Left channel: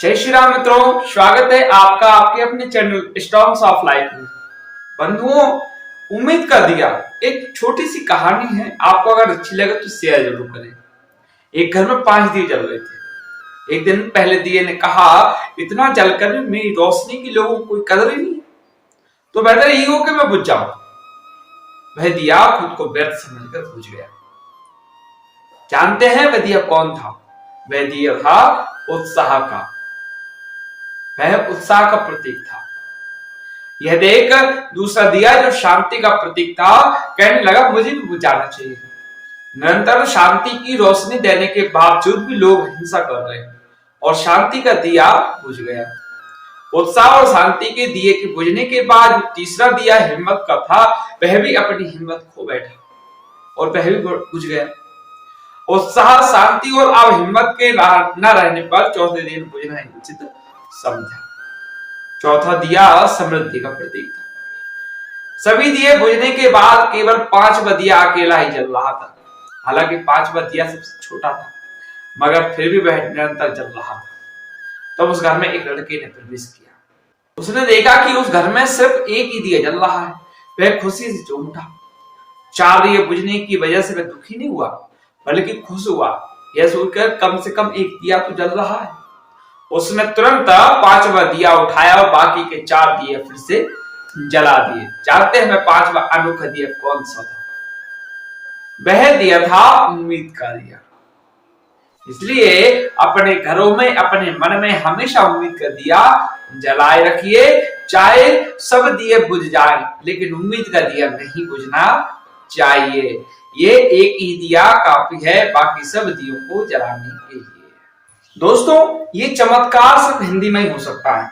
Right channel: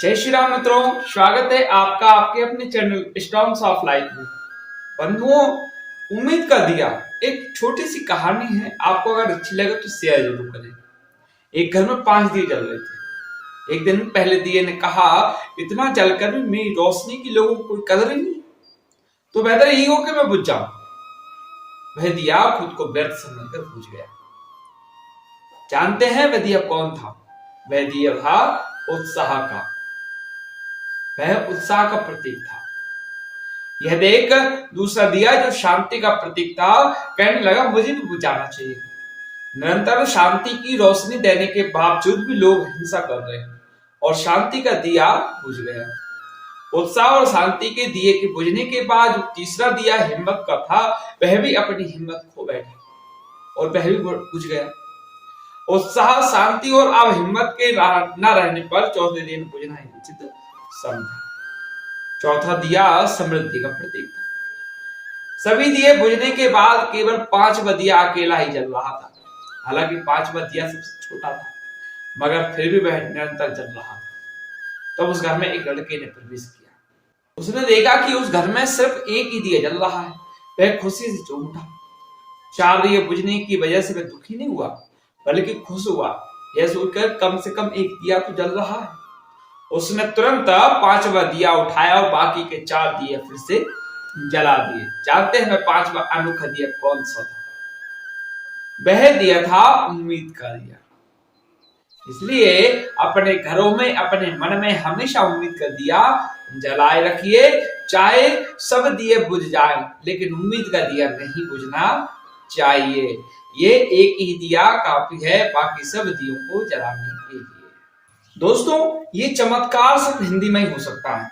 जय श्री राम मित्रों, स्वागत है आपका आपके अपने चैनल स्टॉर्म्स ऑफ लाइफ में। बंधुओं, उम्मीद का दिया एक छोटी सी कहानी है। आपको अगर अच्छी लगे तो शेयर जरूर करें। एक घर में 5 दिए जल रहे थे। एक दिन पहले दिए ने कहा, इतना जलकर भी मेरी रोशनी की लोगों को कोई कदर ही नहीं, तो बेहतर यही हो कि मैं बुझ जाऊं। वह दिया खुद को व्यर्थ समझकर बुझ गया। जानते हैं वह दिया कौन था? वह दिया था उत्साह का। वह उत्साह का प्रतीक था। यह देख दूसरा दिया जो शांति का प्रतीक था, कहने लगा मुझे भी बुझाना चाहिए। निरंतर शांति की रोशनी देने के बावजूद भी लोग हिंसा कर रहे हैं और शांति का दिया बुझ गया। उत्साह और शांति के दिए के बुझने के बाद तीसरा दिया हिम्मत का था, वह भी अपनी हिम्मत खो बैठा और वह भी बुझ गया। उत्साह, शांति और अब हिम्मत के न रहने पर चौथे दिन बुझना ही उचित समझा। चौथा दिया समृद्धि का प्रतीक था। सभी दिए बुझने के बाद केवल 5वां दिया अकेला ही जल रहा था। हालांकि 5वां दिया सबसे छोटा था, मगर फिर भी वह निरंतर जल रहा था। तब उस घर में एक लड़के ने प्रवेश किया। उसने देखा कि उस घर में सिर्फ एक ही दिया जल रहा है। वह खुशी से चौंक उठा। 4 दिए बुझने की वजह से वह दुखी नहीं हुआ, बल्कि खुश हुआ। यह सोचकर कम से कम एक दिया तो जल रहा है। उसने तुरंत 5वां दिया उठाया और बाकी के 4 दिए फिर से जला दिए। जानते हैं वह 5वां अनोखा दिया कौन सा था? वह दिया था उम्मीद का दिया। इसलिए अपने घरों में, अपने मन में हमेशा उम्मीद का दिया जलाए रखिए। चाहे सब दिए बुझ जाए, लेकिन उम्मीद का दिया नहीं बुझना चाहिए। ये एक ही दिया काफी है बाकी सब दियों को जलाने के लिए। दोस्तों, ये चमत्कार सिर्फ हिंदी में ही हो सकता है।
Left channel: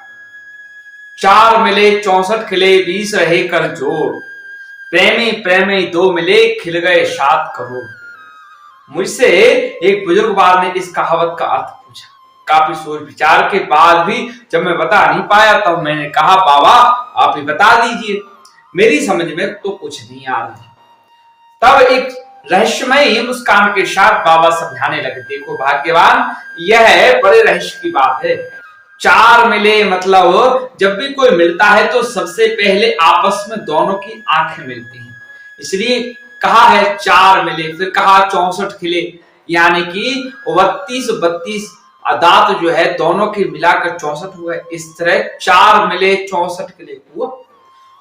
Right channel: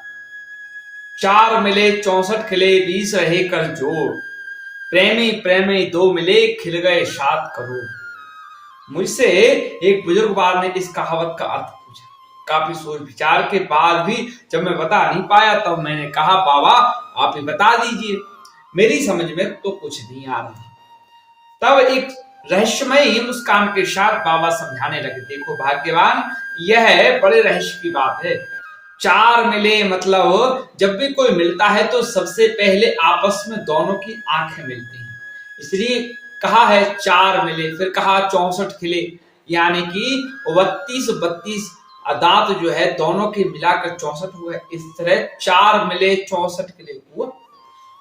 4 मिले 64 खिले, 20 रहे कर जोड़। प्रेमी प्रेमी 2 मिले, खिल गए 7 करोड़। मुझसे एक बुजुर्ग ने इस कहावत का अर्थ पूछा। काफी सोच विचार के बाद भी जब मैं बता नहीं पाया, तब मैंने कहा, बाबा आप ही बता दीजिए, मेरी समझ में तो कुछ नहीं आ रहा। तब एक रहस्यमय मुस्कान के साथ बाबा समझाने लगे, देखो भाग्यवान, यह बड़े रहस्य की बात है। 4 मिले मतलब जब भी कोई मिलता है तो सबसे पहले आपस में दोनों की आंखें मिलती हैं, इसलिए कहा है 4 मिले। फिर कहा 64 खिले, यानी कि 32 दांत जो है दोनों के मिलाकर 64 हुए। इस तरह 4 मिले 64 खिले हुआ।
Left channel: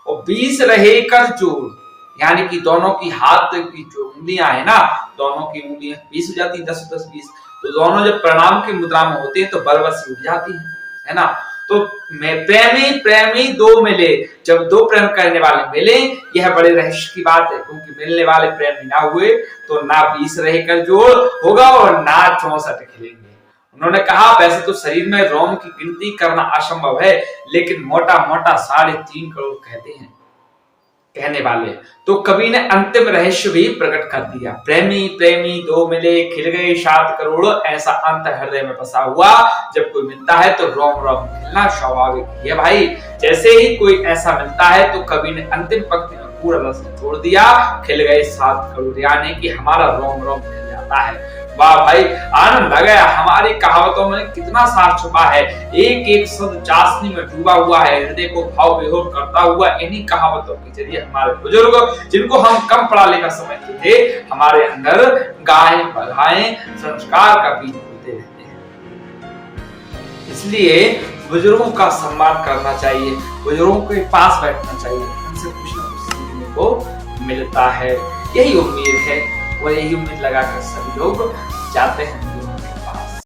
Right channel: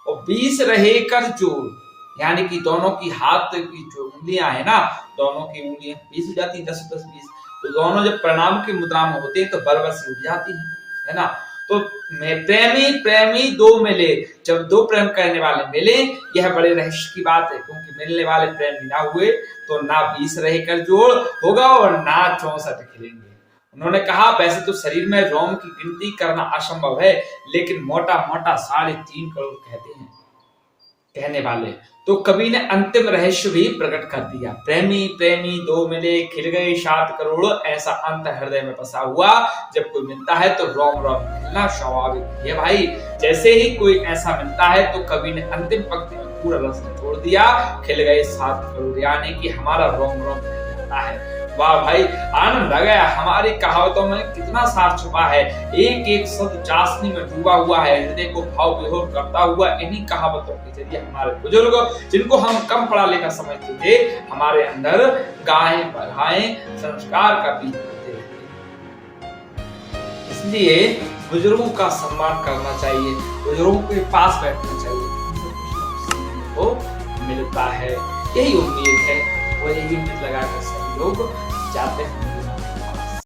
और 20 रहे कर जोड़, यानी कि दोनों की हाथ की जो उंगलियां है ना, दोनों की उंगलियां 20 हो जाती है, 10 10 20। तो दोनों जब प्रणाम की मुद्रा में होते हैं तो बरबर से उठ जाती है ना। तो मैं प्रेमी प्रेमी 2 मिले, जब 2 प्रेम करने वाले मिले, यह बड़े रहस्य की बात है, क्योंकि मिलने वाले प्रेमी ना हुए तो ना 20 रहकर जोड़ होगा और ना 64 खिलेंगे। उन्होंने कहा, वैसे तो शरीर में रोम की गिनती करना असंभव है, लेकिन मोटा मोटा 3.5 करोड़ कहते हैं कहने वाले। तो कवि ने अंतिम रहस्य भी प्रकट कर दिया। प्रेमी प्रेमी 2 मिले, खिल गए 7 करोड़। ऐसा अंत हृदय में बसा हुआ, जब कोई मिलता है तो रोम रोम खिलना स्वाभाविक है भाई। जैसे ही कोई ऐसा मिलता है तो कवि ने अंतिम पंक्ति में पूरा रस छोड़ दिया, खिल गए 7 करोड़, यानी कि हमारा रोम रोम खिल जाता है। वाह भाई, आनंद आ गया। हमारी कहावतों में कितना सार छुपा है। एक एक शब्द चाशनी में डूबा हुआ है, हृदय को भाव विभोर करता हुआ। इन्हीं कहावतों के जरिए हमारे बुजुर्ग, जिनको हम कम पढ़ा लिखा समझते थे, हमारे अंदर गायें बधाएं संस्कार का बीज बोते रहते हैं। इसलिए बुजुर्गों का सम्मान करना चाहिए, बुजुर्गों के पास बैठना चाहिए, उनसे कुछ न कुछ सीखने को मिलता है। यही उम्मीद है और यही उम्मीद लगाकर सभी लोग जाते हैं।